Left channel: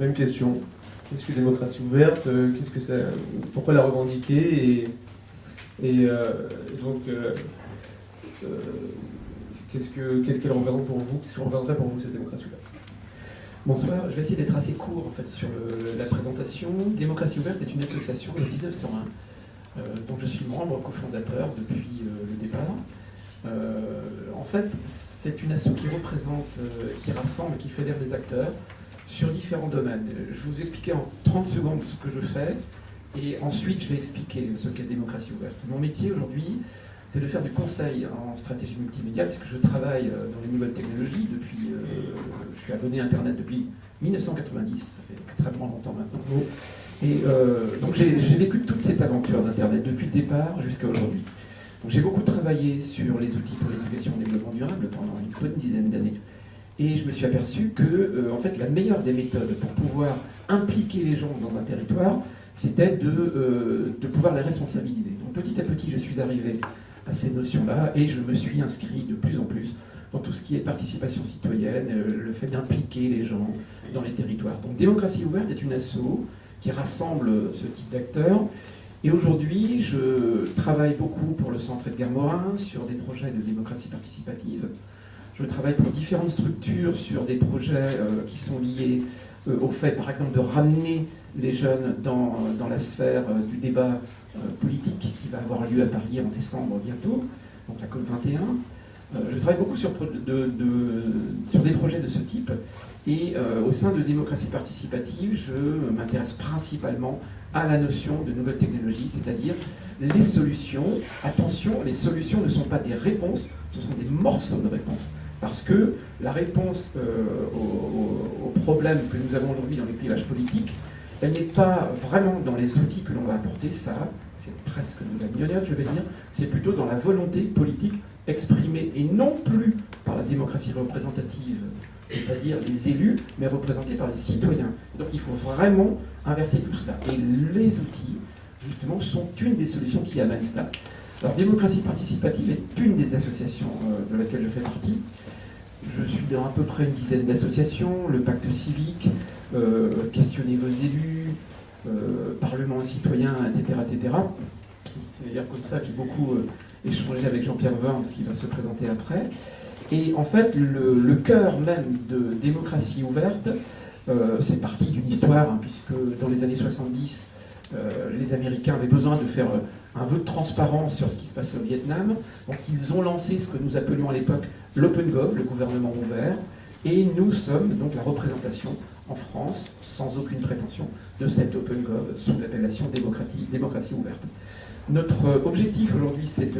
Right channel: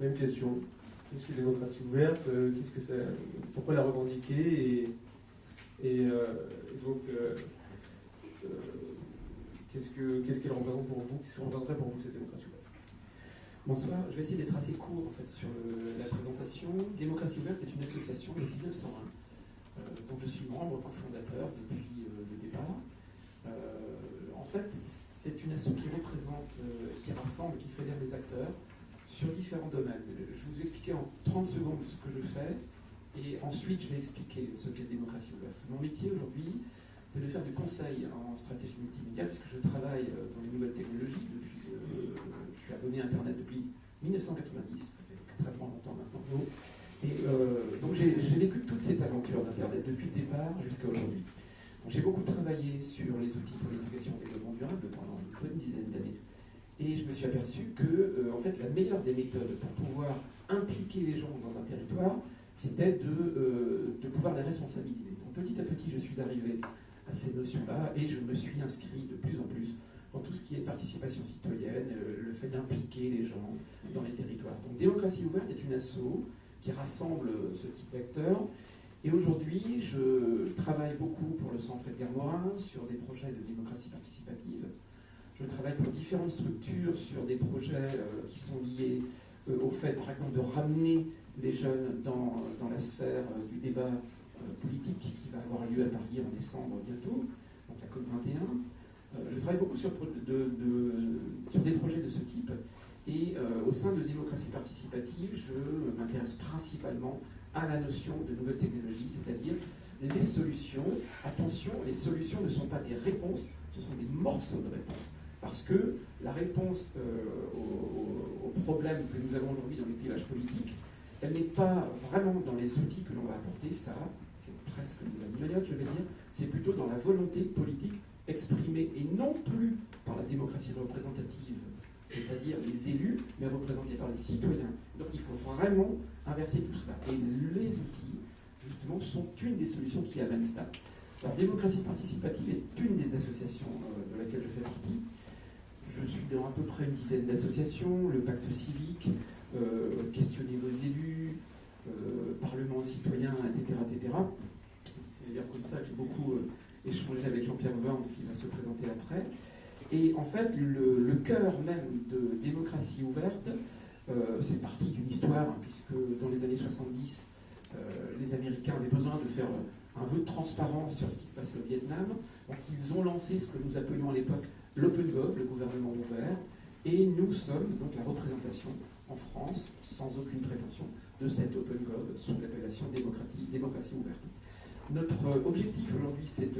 Même question. Qu'est-ce que démocratie ouverte? Qu'est-ce que ça, pourquoi la revendiquer? Et donc, qu'est-ce qu'elle représente pour vous? Qu'est-ce que représenterait pour vous cette démocratie ouverte? Bonsoir, je vais essayer d'être assez court en fait, sur la présentation. Démocratie ouverte est une association de 1901 dont je suis membre, cofondateur depuis le départ. En fait, c'est une asso qui représente, qui rassemble, qui fédère des acteurs sur différents domaines. Je vais vous expliquer en 30 secondes ce que je fais, et ensuite je vais expliquer ce qu'est démocratie ouverte. Mon métier aujourd'hui, c'est de faire du conseil en stratégie multimédia, puisque je travaille dans les nouvelles technologies depuis, je suis abonné à Internet depuis 1990, ça fait extrêmement longtemps maintenant. Et donc j'ai vécu toute cette aventure d'Internet depuis le départ jusqu'à aujourd'hui. Donc j'ai beaucoup travaillé sur les outils pour l'éducation et le développement durable pendant une bonne dizaine d'années. Et je me suis aperçu que en fait, la meilleure des méthodes pour pouvoir impliquer les gens dans un territoire, c'était de pouvoir les responsabiliser. Donc petit à petit, je suis arrivé à ces notions-là et je me suis inscrit de plus en plus dans tout ce qui est participation citoyenne, le fait d'impliquer les gens dans les territoires. Donc Démocratie ouverte est une asso qui rassemble ce type d'acteurs. Et aujourd'hui, je travaille beaucoup pour le Centre Edgar Morin sur des projets de démocratie participative. Je travaille pour différentes structures sur des projets qui sont liés au fait, par exemple, de ramener les jeunes dans la sphère du débat politique qui va avoir lieu à Paris en décembre bientôt, donc la COP21. Je travaille beaucoup sur des projets de ce type. Et au sein de démocratie participative, je m'intéresse principalement à la notion de nouvelles technologies, c'est-à-dire les solutions. Attention, les solutions ne sont pas des réponses, ce sont des morceaux de réponses. Parce que la réponse aux problèmes que nous avons aujourd'hui dans les clivages politiques, elle n'est pas vraiment dans les outils que l'on va apporter, ça, c'est presque de la gnognotte, je vais dire, c'est plutôt dans la volonté politique exprimée, et non plus par la démocratie représentative, c'est-à-dire les élus, mais représentés par les citoyens. Donc il faut vraiment inverser tout cela. Et les outils, justement, sont une des solutions qui amènent cela. Alors, Démocratie participative est une des associations de laquelle je fais partie. Je suis dans à peu près une dizaine d'associations, le pacte civique, questionner vos élus, parlement citoyen, etc., etc. C'est d'ailleurs comme ça que j'ai beaucoup échangé avec Jean-Pierre Worms, qui va se présenter après. Et en fait, le cœur même de Démocratie ouverte, c'est parti d'une histoire, hein, puisque dans les années 70, les Américains avaient besoin de faire un vœu de transparence sur ce qui se passait au Vietnam. Donc ils ont lancé ce que nous appelions à l'époque l'OpenGov, le gouvernement ouvert, et nous sommes donc la représentation en France, sans aucune prétention, de cette OpenGov sous l'appellation démocratie ouverte. Notre objectif aujourd'hui, c'est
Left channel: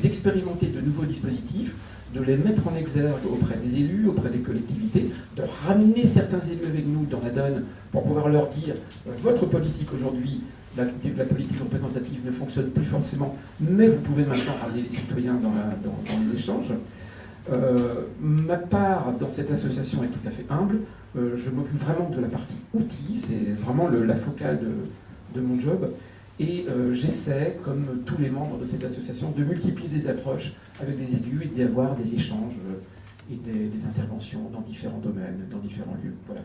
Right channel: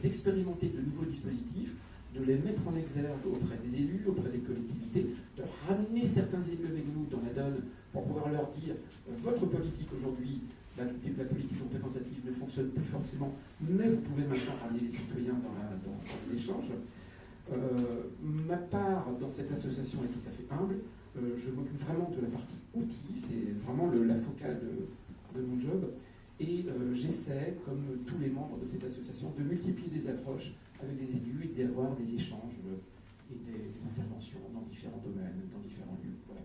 d'expérimenter de nouveaux dispositifs, de les mettre en exergue auprès des élus, auprès des collectivités, de ramener certains élus avec nous dans la donne pour pouvoir leur dire votre politique aujourd'hui, la politique représentative ne fonctionne plus forcément, mais vous pouvez maintenant ramener les citoyens dans l'échange. Ma part dans cette association est tout à fait humble. Je m'occupe vraiment de la partie outils, c'est vraiment la focale de mon job. Et j'essaie, comme tous les membres de cette association, de multiplier des approches avec des élus et d'avoir des échanges et des interventions dans différents domaines, dans différents lieux. Voilà.